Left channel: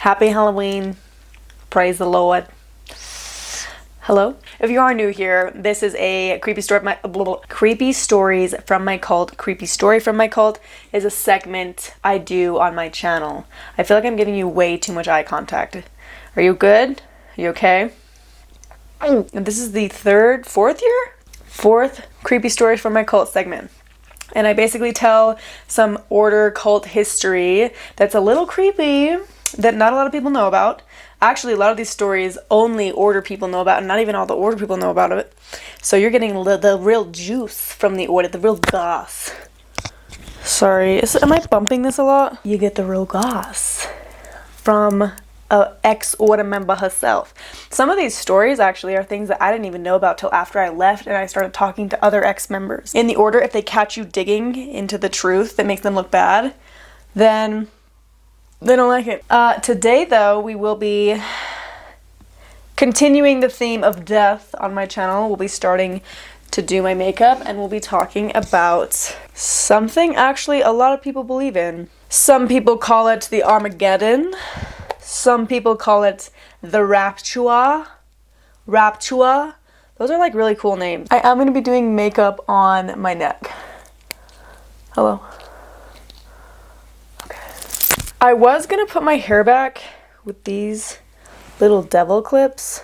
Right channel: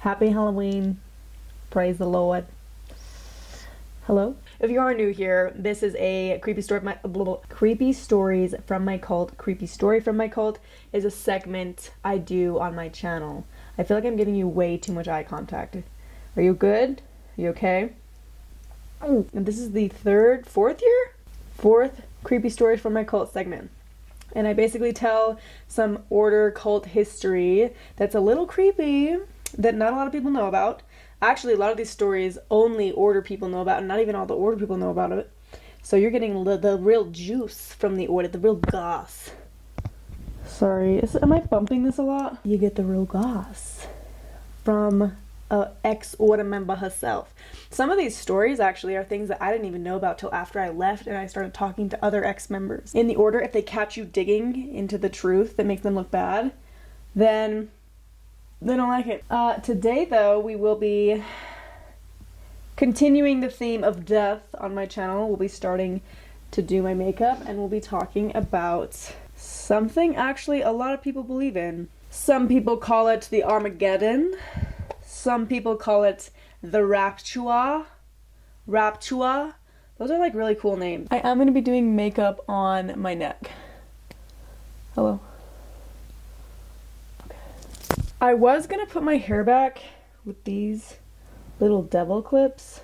Happy Halloween. Praise the Lord. Hello. If you are new here, this is a creepy stories from my cult. Creepy story from my cult is a segment I do on my channel. I feel like I'm giving you way too much eye contact. Are you good? Are you okay? And this is the fourth creepy stories from my cult segment. And I basically tell some order cult history that's a little creepy that not a lot of people know about. Actually, a lot of these stories only order people know about, and not even all the order people know about it. So you're getting the real juice from the order, the real goss. Sorry, am I bumping this a lot? You get the real goss from a ex-order member herself. Some of these stories actually are things that I didn't even know about till after I left and I started talking to other ex-members. In the order, if they catch you digging into the truth that makes them look bad, then they don't like it. Today, though, we will be continuing the theme of death on my channel. We'll be starting to do my makeup, and we'll be talking about something actually a lot of people believe in. Some people call it the Armageddon. Some people call it the Rapture. Those are like really cool names. I am going to be doing makeup on my neck. Hello. I was gonna put my hair back with these little devil clips.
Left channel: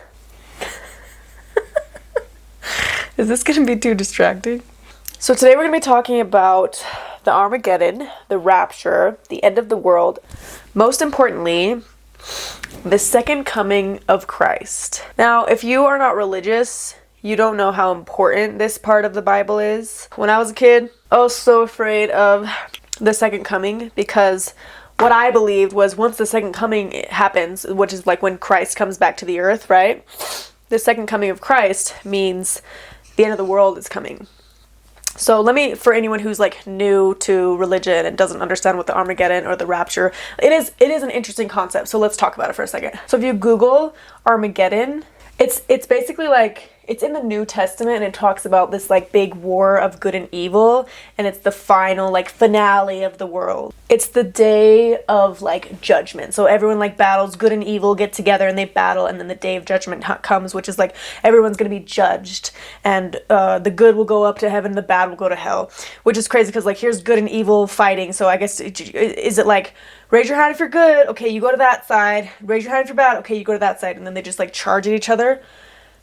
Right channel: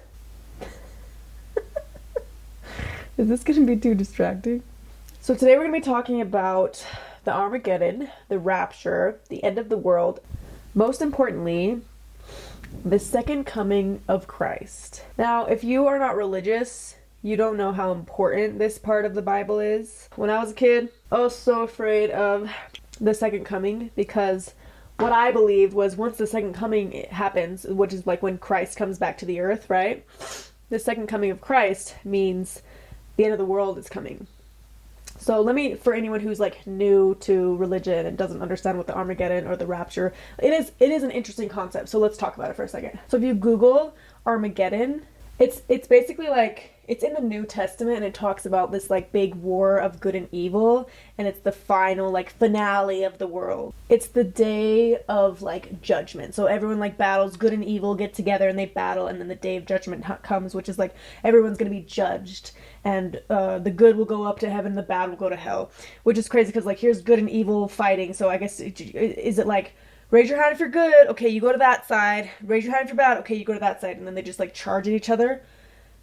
Is this gonna be too distracting? So today we're gonna be talking about the Armageddon, the rapture, the end of the world. Most importantly, the second coming of Christ. Now, if you are not religious, you don't know how important this part of the Bible is. When I was a kid, I was so afraid of the second coming because what I believed was once the second coming happens, which is like when Christ comes back to the earth, right? The second coming of Christ means the end of the world is coming. So for anyone who's like new to religion and doesn't understand what the Armageddon or the rapture, it is an interesting concept. So let's talk about it for a second. So if you Google Armageddon, it's basically like, it's in the New Testament and it talks about this like big war of good and evil, and it's the final like finale of the world. It's the day of like judgment. So everyone like battles, good and evil get together and they battle, and then the day of judgment comes, which is like everyone's gonna be judged, and the good will go up to heaven, the bad will go to hell, which is crazy because like here's good and evil fighting. So I guess is it like raise your hand if you're good, okay, you go to that side, raise your hand if you're bad, okay, you go to that side, and then they just like charge at each other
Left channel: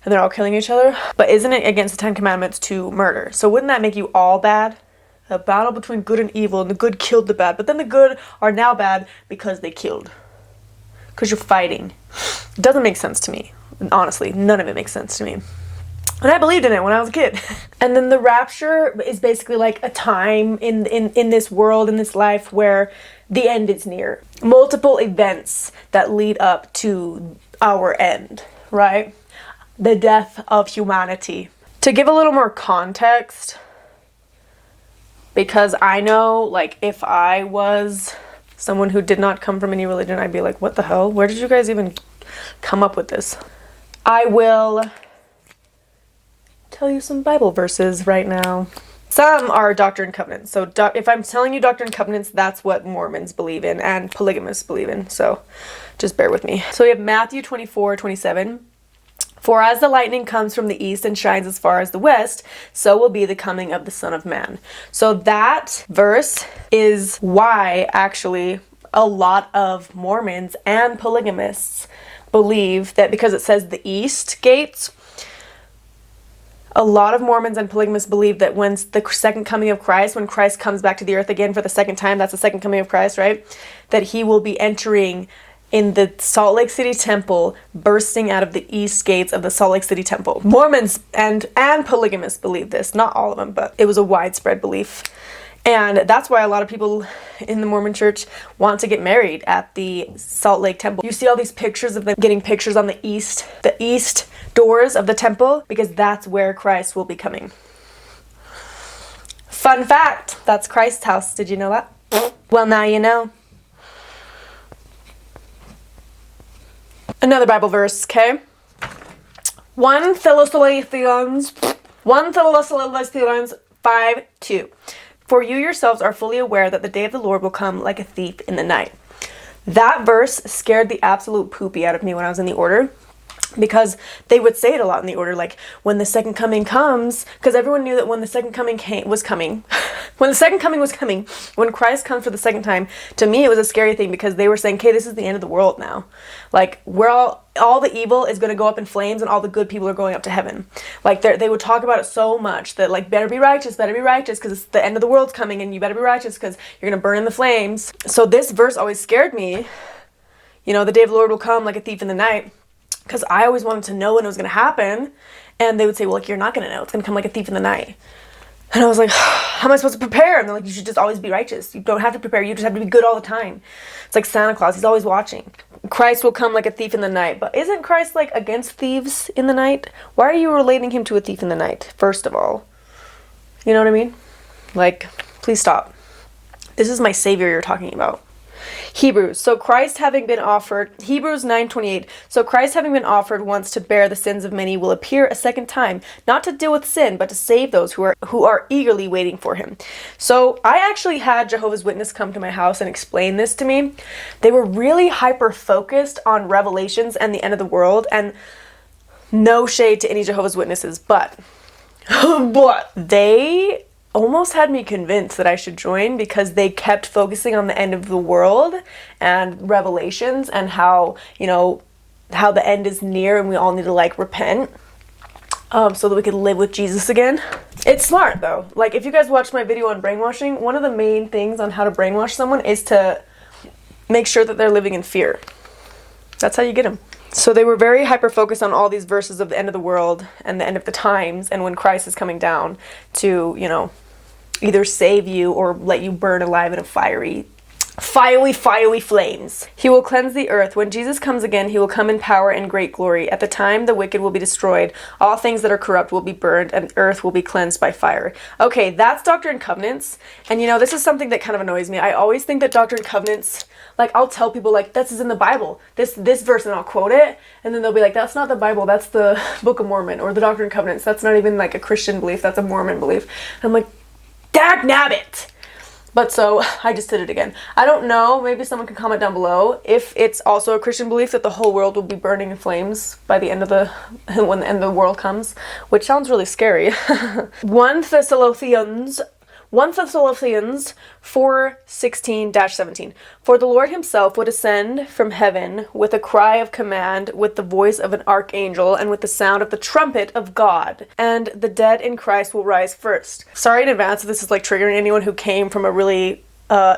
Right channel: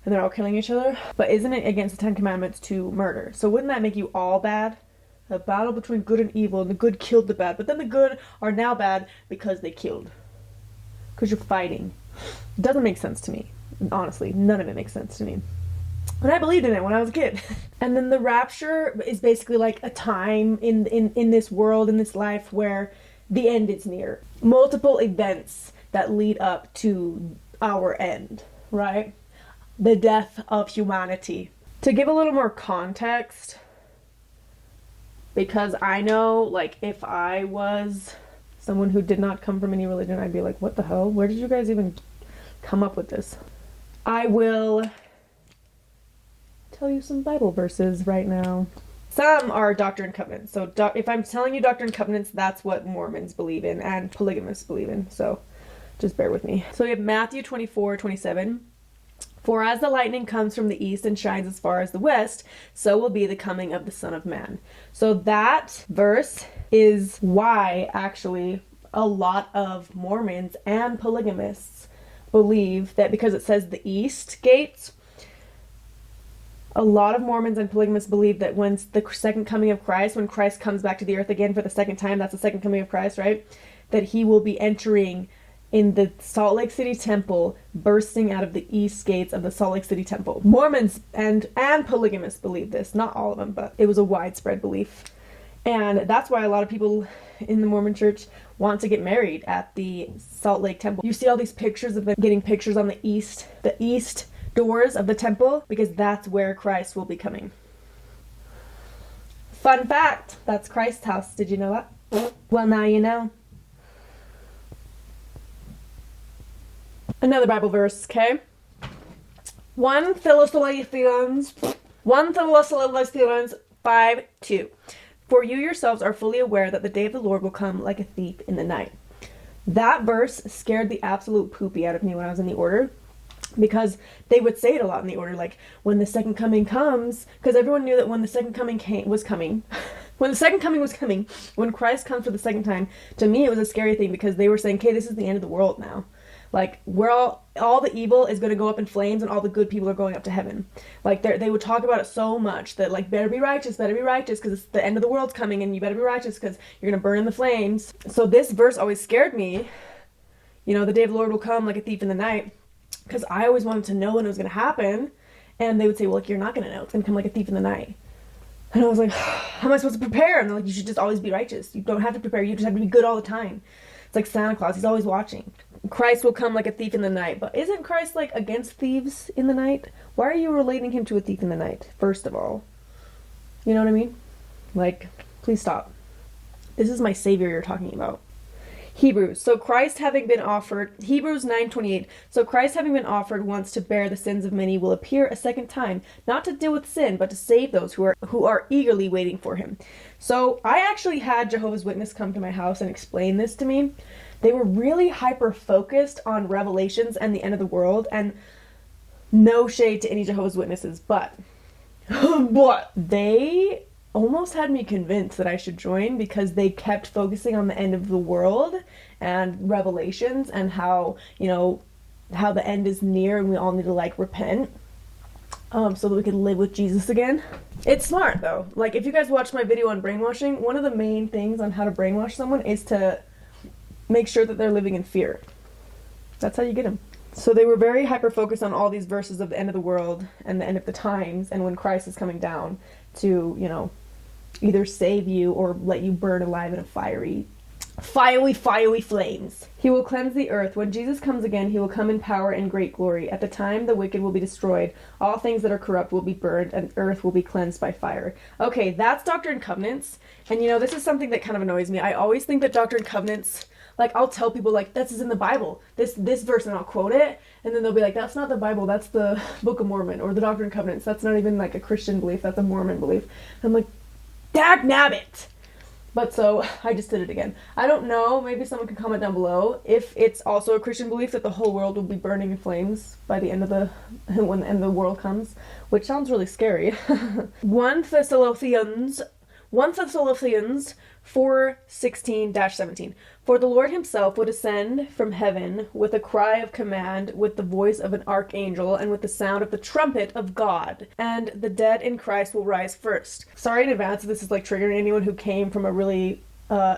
and they're all killing each other. But isn't it against the 10 Commandments to murder? So wouldn't that make you all bad? A battle between good and evil, and the good killed the bad, but then the good are now bad because they killed. Because you're fighting. It doesn't make sense to me. Honestly, none of it makes sense to me. And I believed in it when I was a kid. And then the rapture is basically like a time in this world, in this life, where the end is near. Multiple events that lead up to our end, right? The death of humanity. To give a little more context, because I know, like, if I was someone who did not come from any religion, I'd be like, what the hell? Where did you guys even come up with this? I will tell you some Bible verses right now. Some are Doctrine and Covenants. So if I'm telling you Doctrine and Covenants, that's what Mormons believe in and polygamists believe in. So just bear with me. So we have Matthew 24:27. For as the lightning comes from the east and shines as far as the west, so will be the coming of the Son of Man. So that verse is why actually a lot of Mormons and polygamists believe that, because it says the east gates, a lot of Mormons and polygamists believe that when the second coming of Christ, when Christ comes back to the earth again for the second time, that's the second coming of Christ, right? That he will be entering in the Salt Lake City temple, bursting out of the east gates of the Salt Lake City temple. Mormons and polygamists believe this. Not all of them, but it was a widespread belief. And that's why a lot of people in the Mormon church want to get married at the Salt Lake temple. You see all these pictures of them getting pictures on the east doors of the temple, because that's where Christ will be coming. Fun fact, that's Christ's house. Did you know that? Well, now you know. Another Bible verse, okay? 1 Thessalonians 5:2. For you yourselves are fully aware that the day of the Lord will come like a thief in the night. That verse scared the absolute poopy out of me when I was in the order, because they would say it a lot in the order, like, when the second coming comes, because everyone knew that when the second coming was coming, when Christ comes for the second time, to me it was a scary thing, because they were saying, okay, this is the end of the world now. Like, we're all the evil is going to go up in flames and all the good people are going up to heaven. Like, they would talk about it so much that, like, better be righteous, because it's the end of the world's coming and you better be righteous because you're going to burn in the flames. So this verse always scared me. You know, the day of the Lord will come like a thief in the night. Because I always wanted to know when it was going to happen. And they would say, well, like, you're not going to know. It's going to come like a thief in the night. And I was like, how am I supposed to prepare? And they're like, you should just always be righteous. You don't have to prepare. You just have to be good all the time. It's like Santa Claus. He's always watching. Christ will come like a thief in the night. But isn't Christ, like, against thieves in the night? Why are you relating him to a thief in the night, first of all? You know what I mean? Like, please stop. This is my Savior you're talking about. Hebrews 9:28. So Christ having been offered once to bear the sins of many will appear a second time, not to deal with sin, but to save those who are eagerly waiting for him. So I actually had Jehovah's Witness come to my house and explain this to me. They were really hyper focused on Revelations and the end of the world, and no shade to any Jehovah's Witnesses, but they almost had me convinced that I should join, because they kept focusing on the end of the world and Revelations and how, you know, how the end is near and we all need to, like, repent so that we can live with Jesus again. It's smart though. Like, if you guys watched my video on brainwashing, one of the main things on how to brainwash someone is to make sure that they're living in fear. That's how you get them. So they were very hyper-focused on all these verses of the end of the world and the end of the times and when Christ is coming down to, you know, either save you or let you burn alive in a fiery flames. He will cleanse the earth. When Jesus comes again, he will come in power and great glory. At the time, the wicked will be destroyed. All things that are corrupt will be burned, and earth will be cleansed by fire. Okay, that's Doctrine and Covenants. And you know, this is something that kind of annoys me. I always think that Doctrine and Covenants, like, I'll tell people, like, this is in the Bible, this verse, and I'll quote it, and then they'll be like, that's not the Bible, that's the Book of Mormon, or the Doctrine and Covenants. That's not even, like, a Christian belief, that's a Mormon belief. And I'm like, dagnabbit! But so, I just did it again. I don't know, maybe someone can comment down below if it's also a Christian belief that the whole world will be burning in flames by the end of when the end of the world comes, which sounds really scary. 1 Thessalonians 4:16-17. For the Lord himself would descend from heaven with a cry of command, with the voice of an archangel, and with the sound of the trumpet of God, and the dead in Christ will rise first. Sorry in advance if this is, like, triggering anyone who came from a really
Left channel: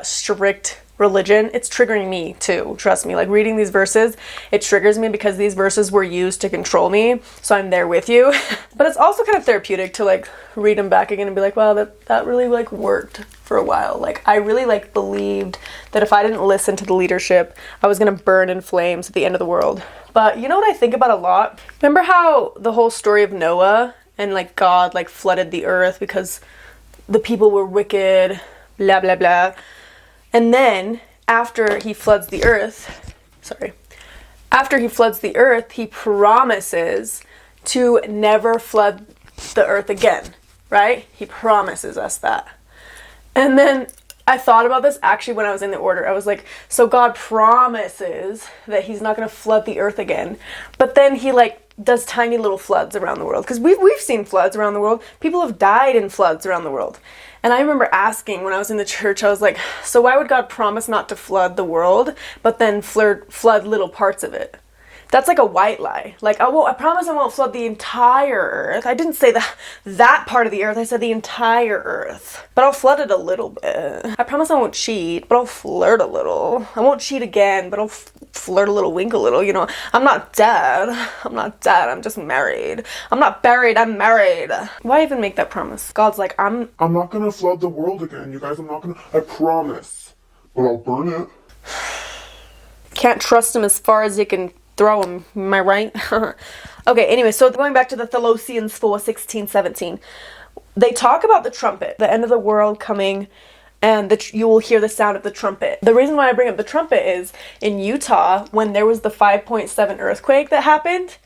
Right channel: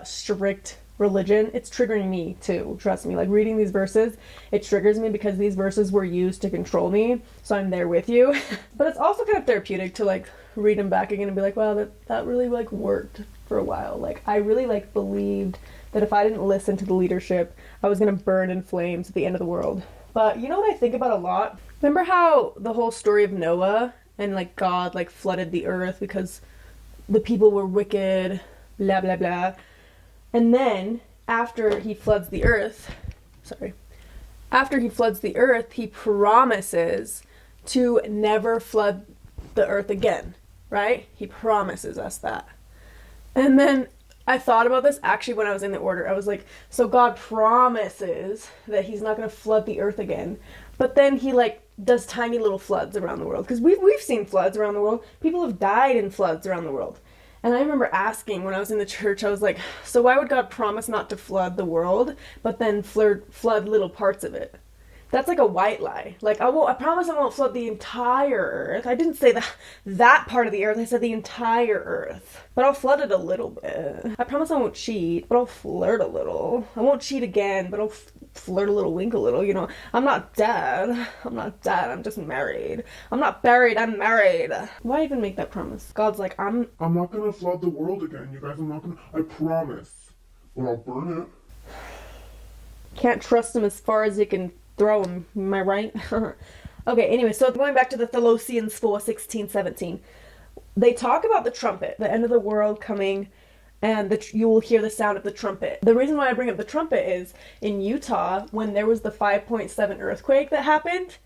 strict religion. It's triggering me too, trust me. Like, reading these verses, it triggers me because these verses were used to control me, so I'm there with you. But it's also kind of therapeutic to, like, read them back again and be like, wow, that really, like, worked for a while. Like, I really, like, believed that if I didn't listen to the leadership, I was gonna burn in flames at the end of the world. But you know what I think about a lot? Remember how the whole story of Noah and, like, God, like, flooded the earth because the people were wicked, blah blah blah. And then, after he floods the earth, he promises to never flood the earth again, right? He promises us that. And then I thought about this actually when I was in the order. I was like, so God promises that he's not going to flood the earth again. But then he, like, does tiny little floods around the world. Because we've seen floods around the world. People have died in floods around the world. And I remember asking when I was in the church, I was like, so why would God promise not to flood the world, but then flood little parts of it? That's like a white lie. Like, I promise I won't flood the entire earth. I didn't say that part of the earth. I said the entire earth. But I'll flood it a little bit. I promise I won't cheat, but I'll flirt a little. I won't cheat again, but I'll flirt a little, wink a little, you know. I'm not dead. I'm just married. I'm not buried, I'm married. Why even make that promise? God's like, I'm not gonna flood the world again, you guys. I promise. But I'll burn it. Can't trust him as far as you can throw him, am I right? Okay, anyway, so going back to the Thessalonians 4:16-17. They talk about the trumpet, the end of the world coming, and you will hear the sound of the trumpet. The reason why I bring up the trumpet is, in Utah, when there was the 5.7 earthquake that happened,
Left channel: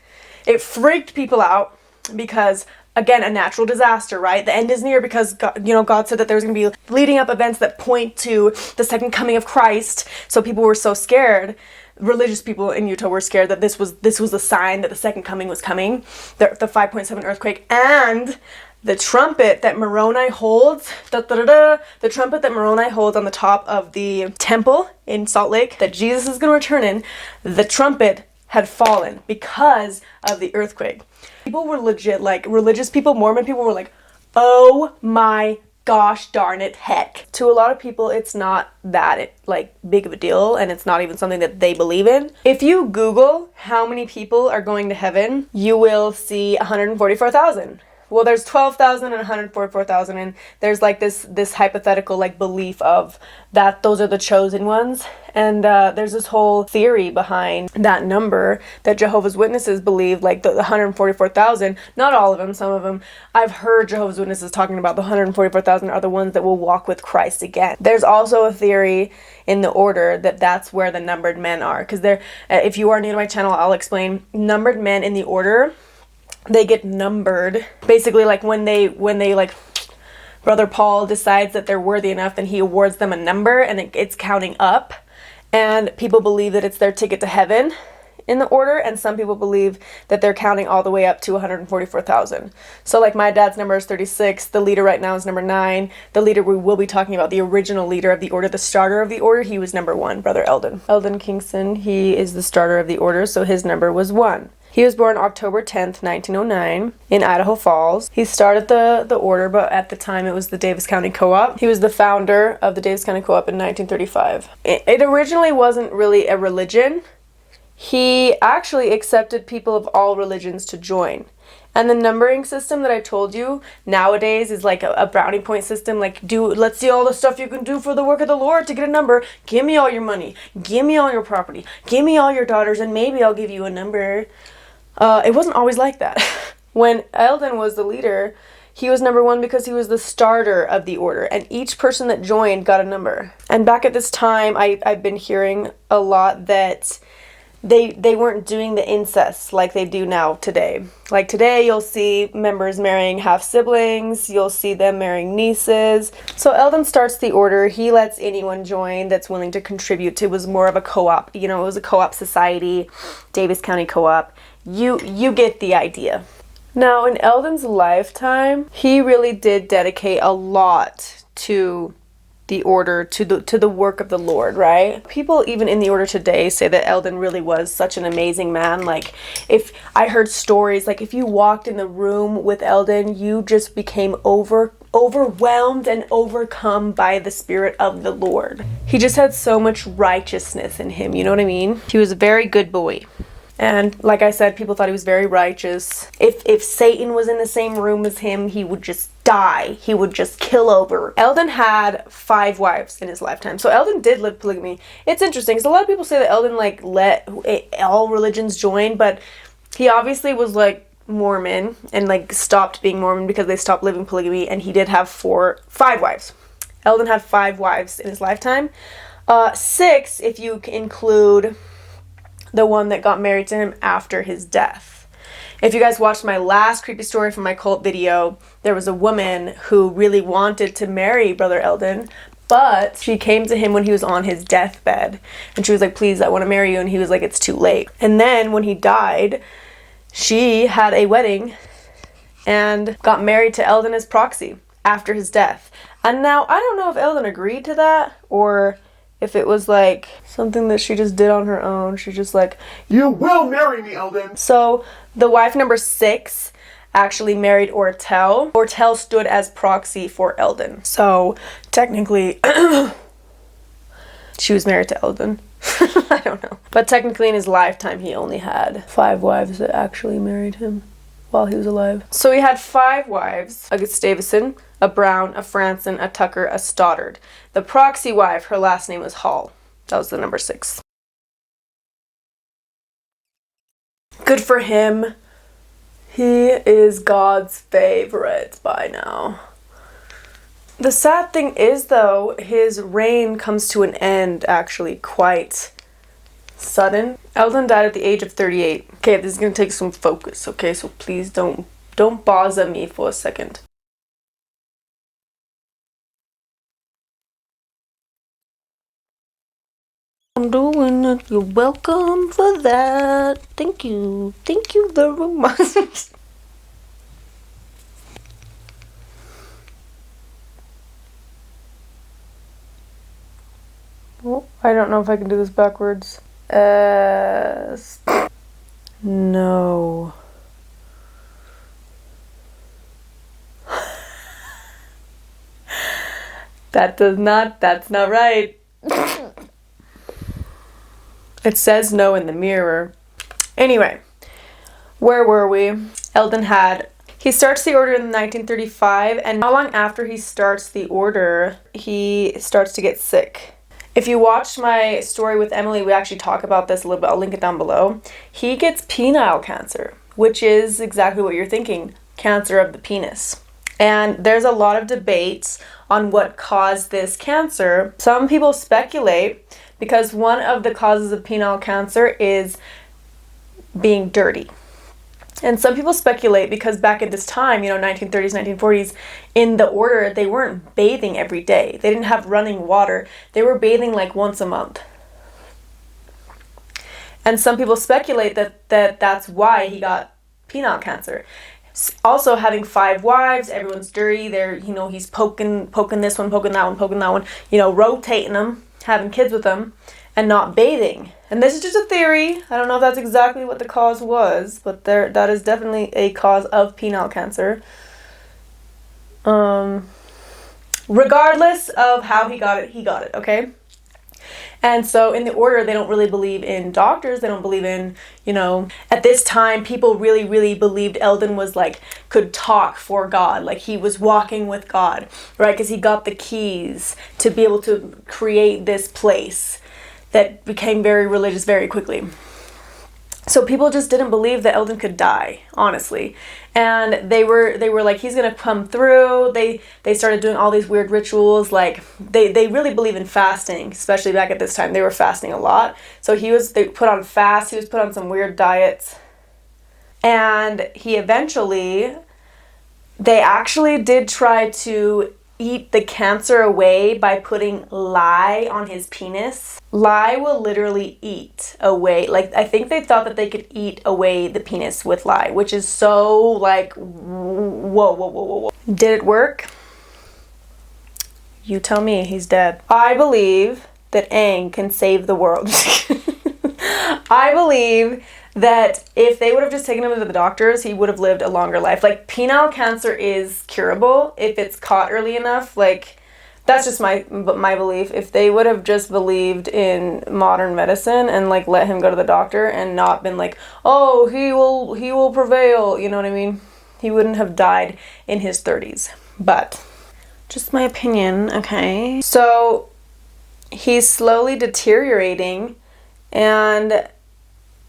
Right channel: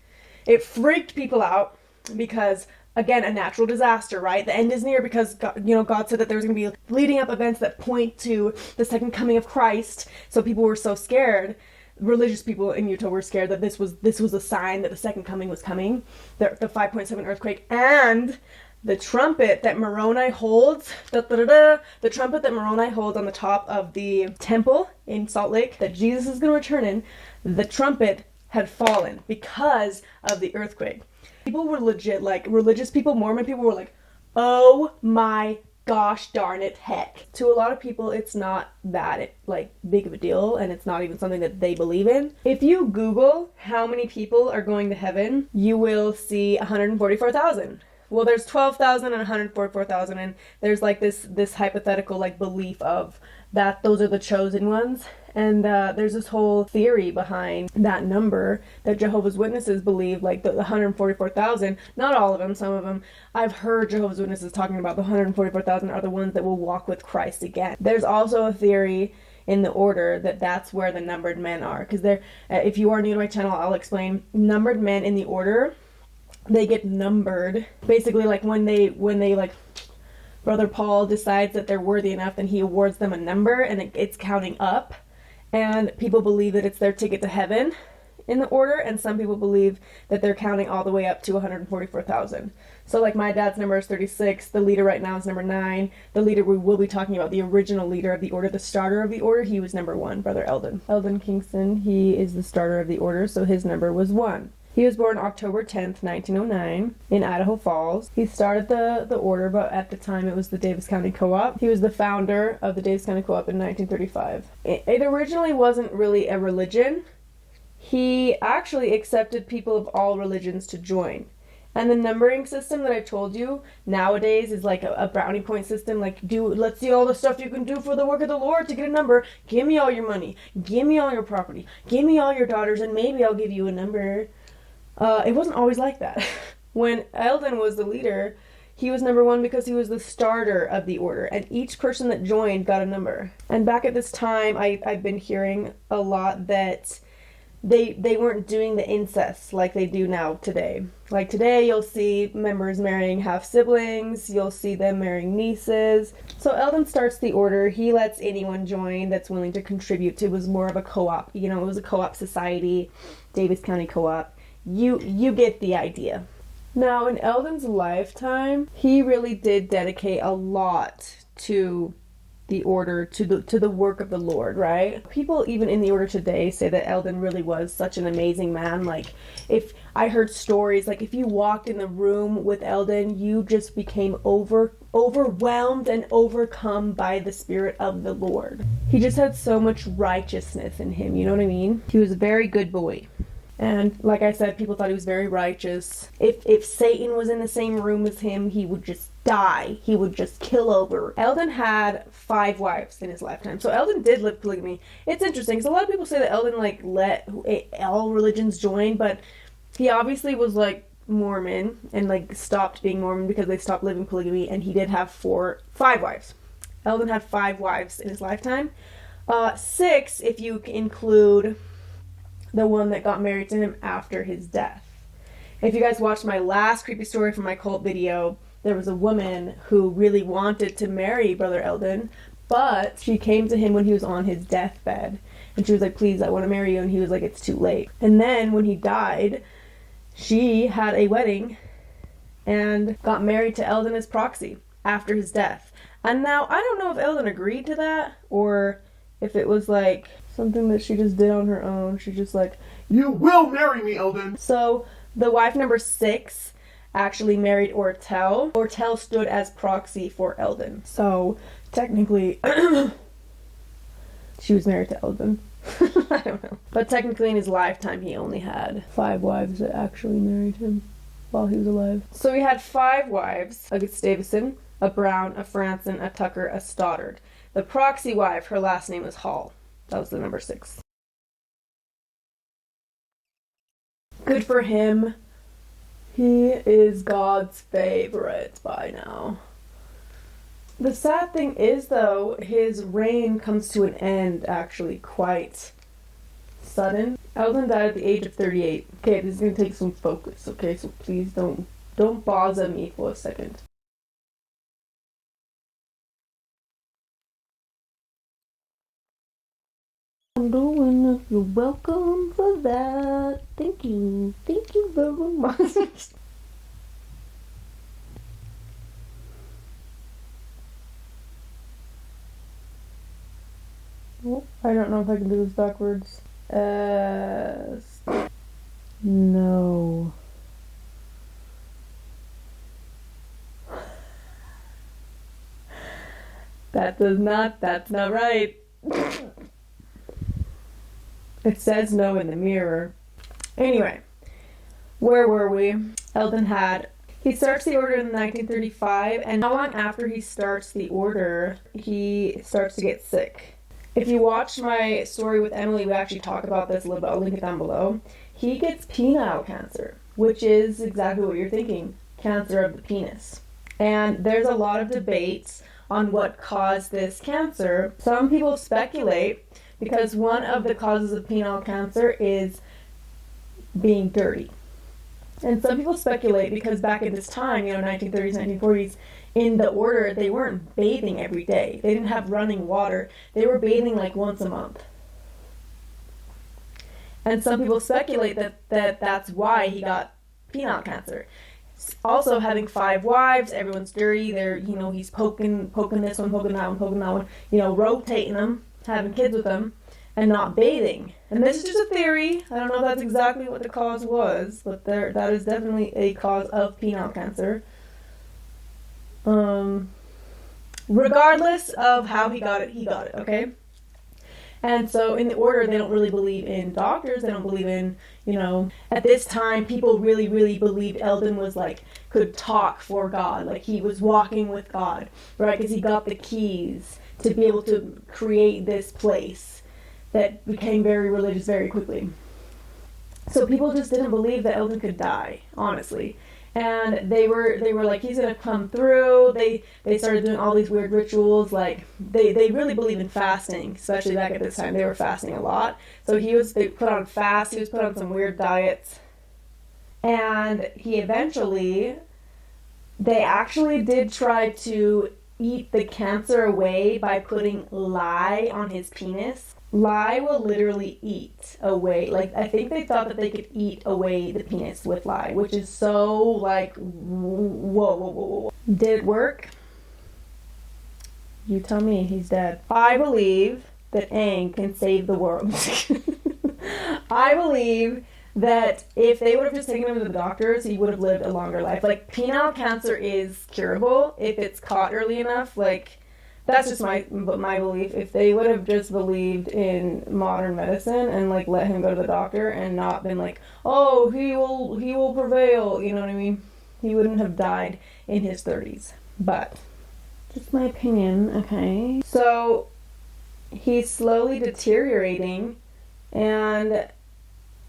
it freaked people out because again, a natural disaster, right? The end is near because God, God said that there's going to be leading up events that point to the second coming of Christ. So people were so scared. Religious people in Utah were scared that this was a sign that the second coming was coming. The 5.7 earthquake and the trumpet that Moroni holds, the trumpet that Moroni holds on the top of the temple in Salt Lake that Jesus is going to return in, the trumpet had fallen because of the earthquake. People were legit, like religious people, Mormon people were like, oh my gosh darn it, heck. To a lot of people, it's not that big of a deal, and it's not even something that they believe in. If you Google how many people are going to heaven, you will see 144,000. Well, there's 12,000 and 144,000, and there's like this hypothetical like belief of that those are the chosen ones. And there's this whole theory behind that number that Jehovah's Witnesses believe, like the 144,000. Not all of them, some of them. I've heard Jehovah's Witnesses talking about the 144,000 are the ones that will walk with Christ again. There's also a theory in the order that's where the numbered men are. Because if you are new to my channel, I'll explain. Numbered men in the order, they get numbered. Basically, like when they like Brother Paul decides that they're worthy enough, then he awards them a number, and it's counting up. And people believe that it's their ticket to heaven in the order, and some people believe that they're counting all the way up to 144,000. So like my dad's number is 36, the leader right now is number 9. The leader we will be talking about, the original leader of the order, the starter of the order, he was number 1, Brother Elden. Elden Kingston, he is the starter of the order, so his number was 1. He was born October 10th, 1909 in Idaho Falls. He started the order, but at the time it was the Davis County Co-op. He was the founder of the Davis County Co-op in 1935. It originally wasn't really a religion. He actually accepted people of all religions to join. And the numbering system that I told you nowadays is like a brownie point system. Like, let's see all the stuff you can do for the work of the Lord to get a number. Give me all your money. Give me all your property. Give me all your daughters, and maybe I'll give you a number. It wasn't always like that. When Elden was the leader, he was number 1 because he was the starter of the order, and each person that joined got a number. And back at this time, I've been hearing a lot that they weren't doing the incest like they do now today. Like today, you'll see members marrying half siblings, you'll see them marrying nieces. So Elden starts the order. He lets anyone join that's willing to contribute. It was more of a co-op, it was a co-op society, Davis County Co-op. You get the idea. Now, in Elden's lifetime, he really did dedicate a lot to the order, to the work of the Lord, right? People even in the order today say that Elden really was such an amazing man. Like, if I heard stories, like if you walked in the room with Elden, you just became overwhelmed and overcome by the Spirit of the Lord. He just had so much righteousness in him, you know what I mean? He was a very good boy. And like I said, people thought he was very righteous. If Satan was in the same room as him, he would just die. He would just kill over. Elden had 5 wives in his lifetime. So Elden did live polygamy. It's interesting because a lot of people say that Elden let all religions join, but he obviously was Mormon and stopped being Mormon because they stopped living polygamy, and he did have 5 wives. Elden had 5 wives in his lifetime. 6 if you include the one that got married to him after his death. If you guys watched my last creepy story from my cult video, there was a woman who really wanted to marry Brother Elden, but she came to him when he was on his deathbed, and she was like, please, I want to marry you, and he was like, it's too late. And then when he died, she had a wedding and got married to Elden as proxy after his death. And now, I don't know if Elden agreed to that, or if it was something that she just did on her own. She just you will marry me, Elden. So the wife number 6 actually married Ortell. Ortell stood as proxy for Elden. So technically, she was married to Elden. I don't know. But technically in his lifetime, he only had 5 wives that actually married him while he was alive. So he had 5 wives: a Gustavson, a Brown, a Franson, a Tucker, a Stoddard. The proxy wife, her last name was Hall. That was the number 6. Good for him. He is God's favorite by now. The sad thing is, though, his reign comes to an end actually quite sudden. Elden died at the age of 38. Okay, this is going to take some focus, okay? So please don't Don't bother me for a second. I'm doing it. You're welcome for that. Thank you. Thank you very much. Oh, I don't know if I can do this backwards. No. That's not right. It says no in the mirror. Anyway, where were we? Elden he starts the order in 1935, and not long after he starts the order, he starts to get sick. If you watched my story with Emily, we actually talk about this a little bit. I'll link it down below. He gets penile cancer, which is exactly what you're thinking, cancer of the penis. And there's a lot of debates on what caused this cancer. Some people speculate because one of the causes of penile cancer is being dirty. And some people speculate because back at this time, 1930s, 1940s, in the order, they weren't bathing every day. They didn't have running water. They were bathing like once a month. And some people speculate that that's why he got penile cancer. Also, having 5 wives, everyone's dirty. They're, he's poking this one, poking that one, rotating them, having kids with them, and not bathing. And this is just a theory. I don't know if that's exactly what the cause was, but that is definitely a cause of penile cancer. Regardless of how he got it, okay? And so in the order, they don't really believe in doctors. They don't believe in, at this time, people really, really believed Elden was could talk for God. Like he was walking with God, right? Because he got the keys to be able to create this place that became very religious very quickly. So people just didn't believe that Elden could die, honestly. And they were like, he's gonna come through. They started doing all these weird rituals. Like they really believe in fasting, especially back at this time. They were fasting a lot. So they put on fast. He was put on some weird diets. And they actually did try to eat the cancer away by putting lye on his penis. Lye will literally eat away. I think they thought that they could eat away the penis with lye, which is so whoa. Did it work? You tell me. He's dead. I believe that Aang can save the world. I believe that if they would have just taken him to the doctors, he would have lived a longer life. Penile cancer is curable if it's caught early enough. That's just my belief. If they would have just believed in modern medicine and let him go to the doctor and not been oh, he will prevail, you know what I mean? He wouldn't have died in his 30s. But just my opinion, okay? So he's slowly deteriorating, and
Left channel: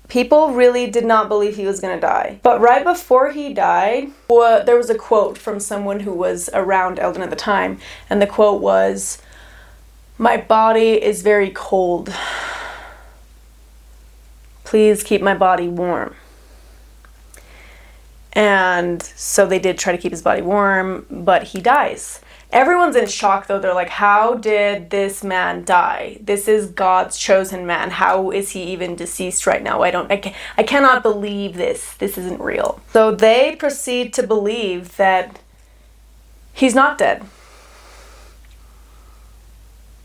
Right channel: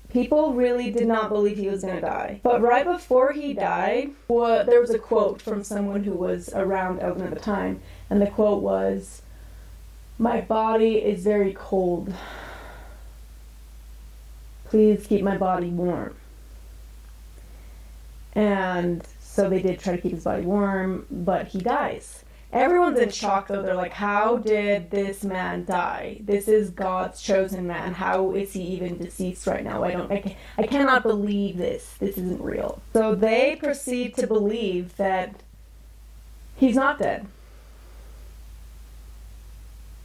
people really did not believe he was going to die. But right before he died, there was a quote from someone who was around Elden at the time. And the quote was, "My body is very cold. Please keep my body warm." And so they did try to keep his body warm, but he dies. Everyone's in shock though. They're like, how did this man die? This is God's chosen man. How is he even deceased right now? I cannot believe this. This isn't real. So they proceed to believe that he's not dead.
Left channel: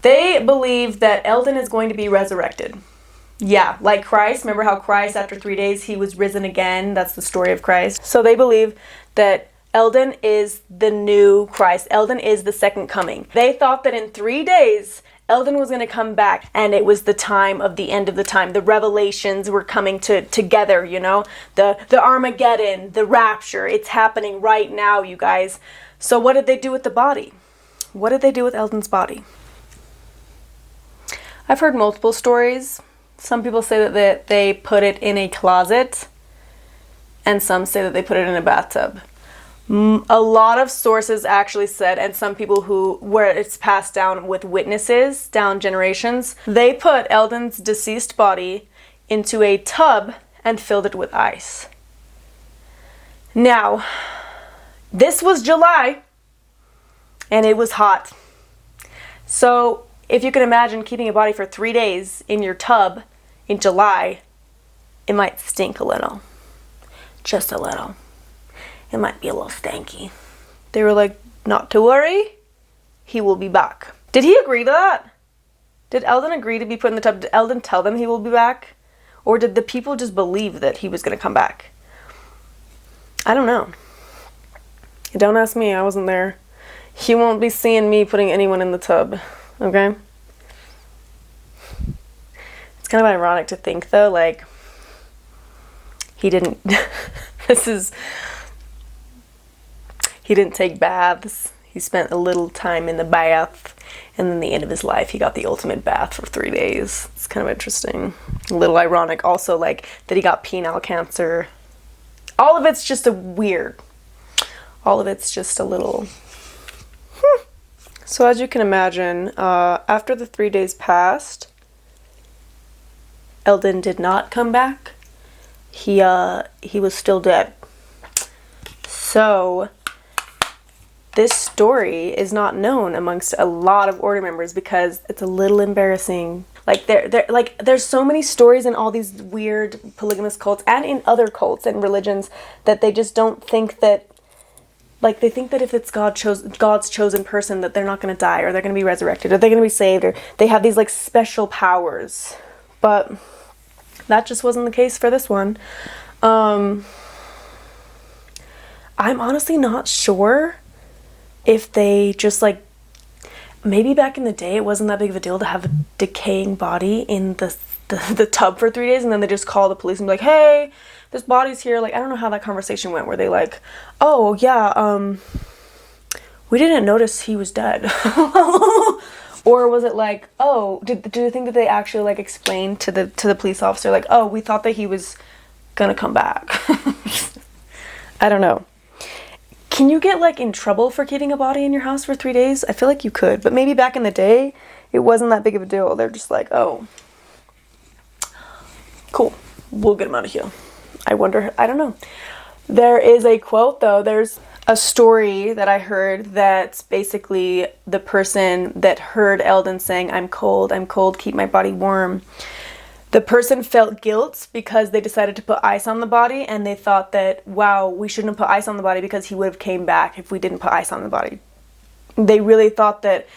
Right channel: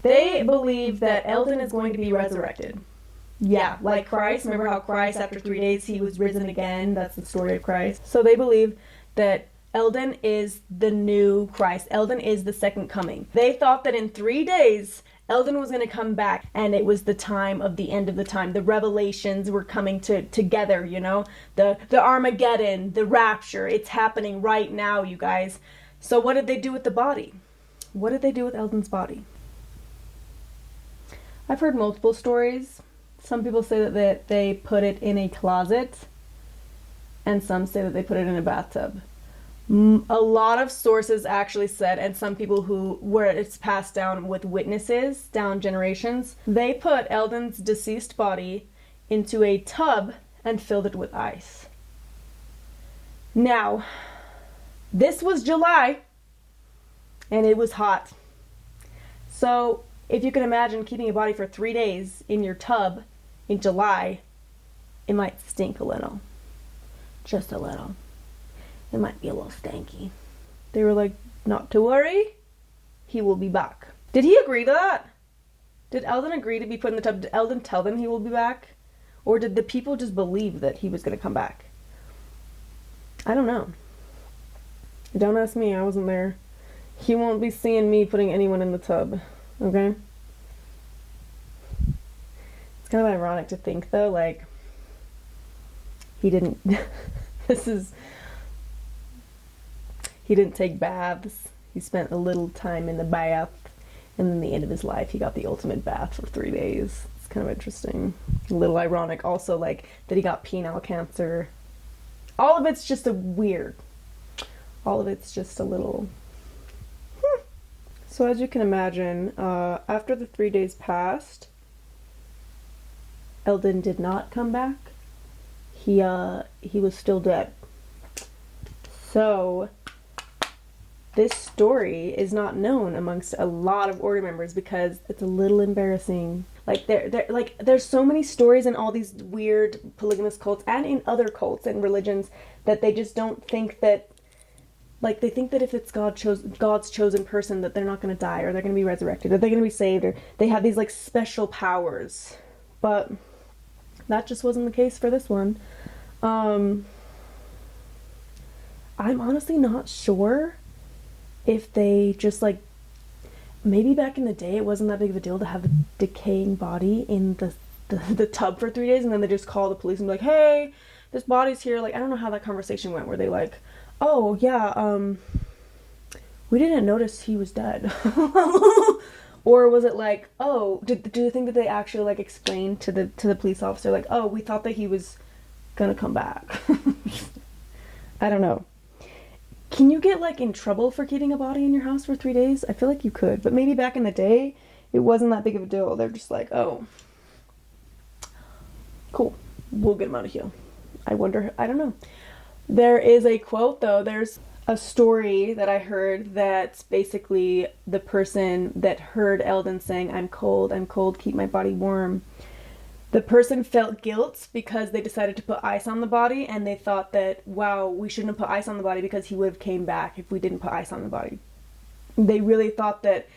They believe that Elden is going to be resurrected. Yeah, like Christ. Remember how Christ, after 3 days, he was risen again? That's the story of Christ. So they believe that Elden is the new Christ. Elden is the second coming. They thought that in 3 days, Elden was going to come back, and it was the time of the end of the time. The revelations were coming together, the Armageddon, the rapture. It's happening right now, you guys. So what did they do with the body? What did they do with Elden's body? I've heard multiple stories. Some people say that they put it in a closet, and some say that they put it in a bathtub. A lot of sources actually said, and some people where it's passed down with witnesses down generations, they put Elden's deceased body into a tub and filled it with ice. Now, This was July, and it was hot. So if you can imagine keeping a body for 3 days in your tub in July, it might stink a little. Just a little. It might be a little stanky. They were like, not to worry, he will be back. Did he agree to that? Did Elden agree to be put in the tub? Did Elden tell them he will be back? Or did the people just believe that he was going to come back? I don't know. Don't ask me, I wasn't there. You won't be seeing me putting anyone in the tub, okay? It's kind of ironic to think, though, like, he didn't, he didn't take baths. He spent a little time in the bath, and then the end of his life, he got the ultimate bath for 3 days. It's kind of interesting. A little ironic also, like, that he got penile cancer. All of it's just a weird. All of it's just a little. So as you can imagine, after the 3 days passed, Elden did not come back. He was still dead. So this story is not known amongst a lot of order members because it's a little embarrassing. Like there's so many stories in all these weird polygamous cults and in other cults and religions that they just don't think that, like, they think that if it's God's chosen person that they're not going to die, or they're going to be resurrected, or they're going to be saved, or they have these like special powers. But that just wasn't the case for this one. I'm honestly not sure if they just, like, maybe back in the day it wasn't that big of a deal to have a decaying body in the tub for 3 days, and then they just call the police and be like, hey, this body's here. Like, I don't know how that conversation went. Were they like, oh yeah, we didn't notice he was dead? Or was it like, oh, do you think that they actually like explained to the police officer, like, oh, we thought that he was gonna come back? I don't know. Can you get like in trouble for keeping a body in your house for 3 days? I feel like you could, but maybe back in the day it wasn't that big of a deal. They're just like, oh, cool, we'll get him out of here. I wonder, I don't know. There is a quote though, there's a story that I heard that's basically the person that heard Elden saying, I'm cold, keep my body warm. The person felt guilt because they decided to put ice on the body, and they thought that, wow, we shouldn't have put ice on the body because he would have came back if we didn't put ice on the body. They really thought that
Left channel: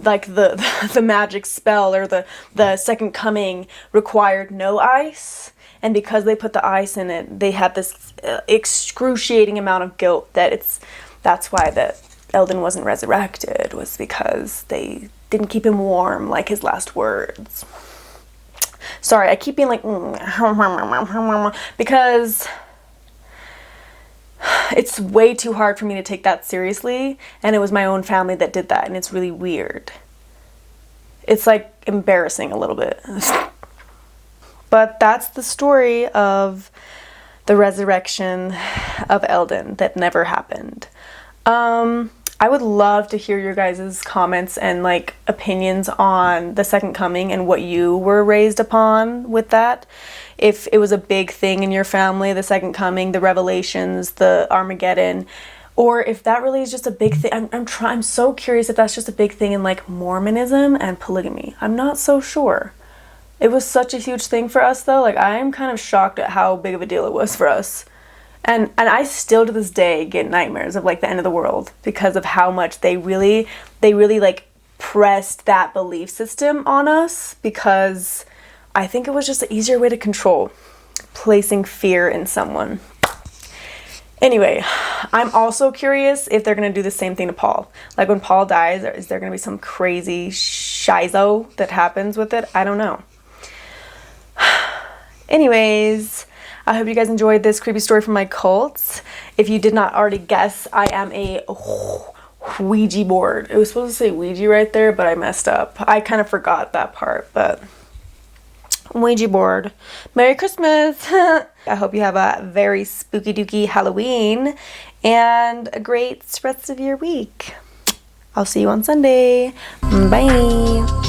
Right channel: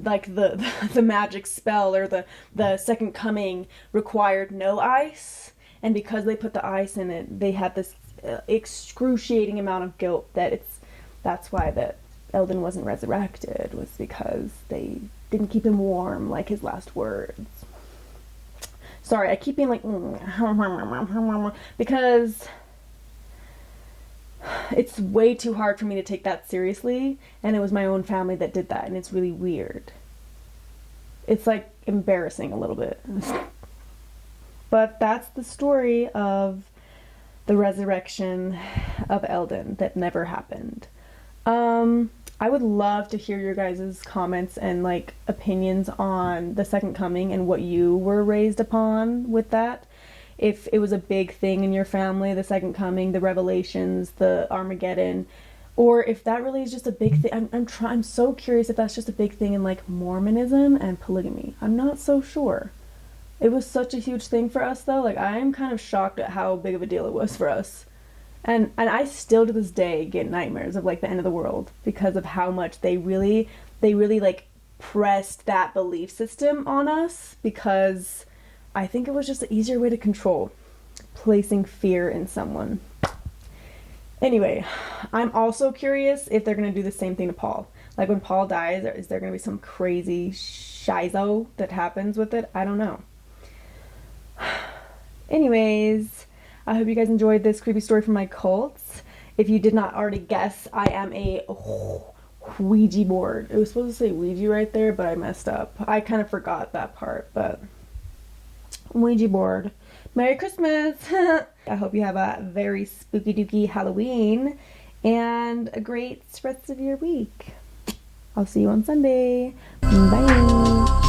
like the magic spell or the second coming required no ice. And because they put the ice in it, they had this excruciating amount of guilt that's why that Elden wasn't resurrected, was because they didn't keep him warm like his last words. Sorry, I keep being like, because it's way too hard for me to take that seriously, and it was my own family that did that, and it's really weird. It's like embarrassing a little bit. But that's the story of the resurrection of Elden that never happened. I would love to hear your guys' comments and like opinions on the second coming and what you were raised upon with that. If it was a big thing in your family, the second coming, the revelations, the Armageddon, or if that really is just a big thing. I'm so curious if that's just a big thing in like Mormonism and polygamy. I'm not so sure. It was such a huge thing for us though. Like, I am kind of shocked at how big of a deal it was for us. And I still to this day get nightmares of like the end of the world because of how much they really like pressed that belief system on us, because I think it was just an easier way to control, placing fear in someone. Anyway, I'm also curious if they're going to do the same thing to Paul. Like, when Paul dies, is there going to be some crazy shizo that happens with it? I don't know. Anyways, I hope you guys enjoyed this creepy story from my cults. If you did not already guess, I am a Ouija board. It was supposed to say Ouija right there, but I messed up. I kind of forgot that part, but Ouija board. Merry Christmas! I hope you have a very spooky dooky Halloween and a great rest of your week. I'll see you on Sunday. Bye!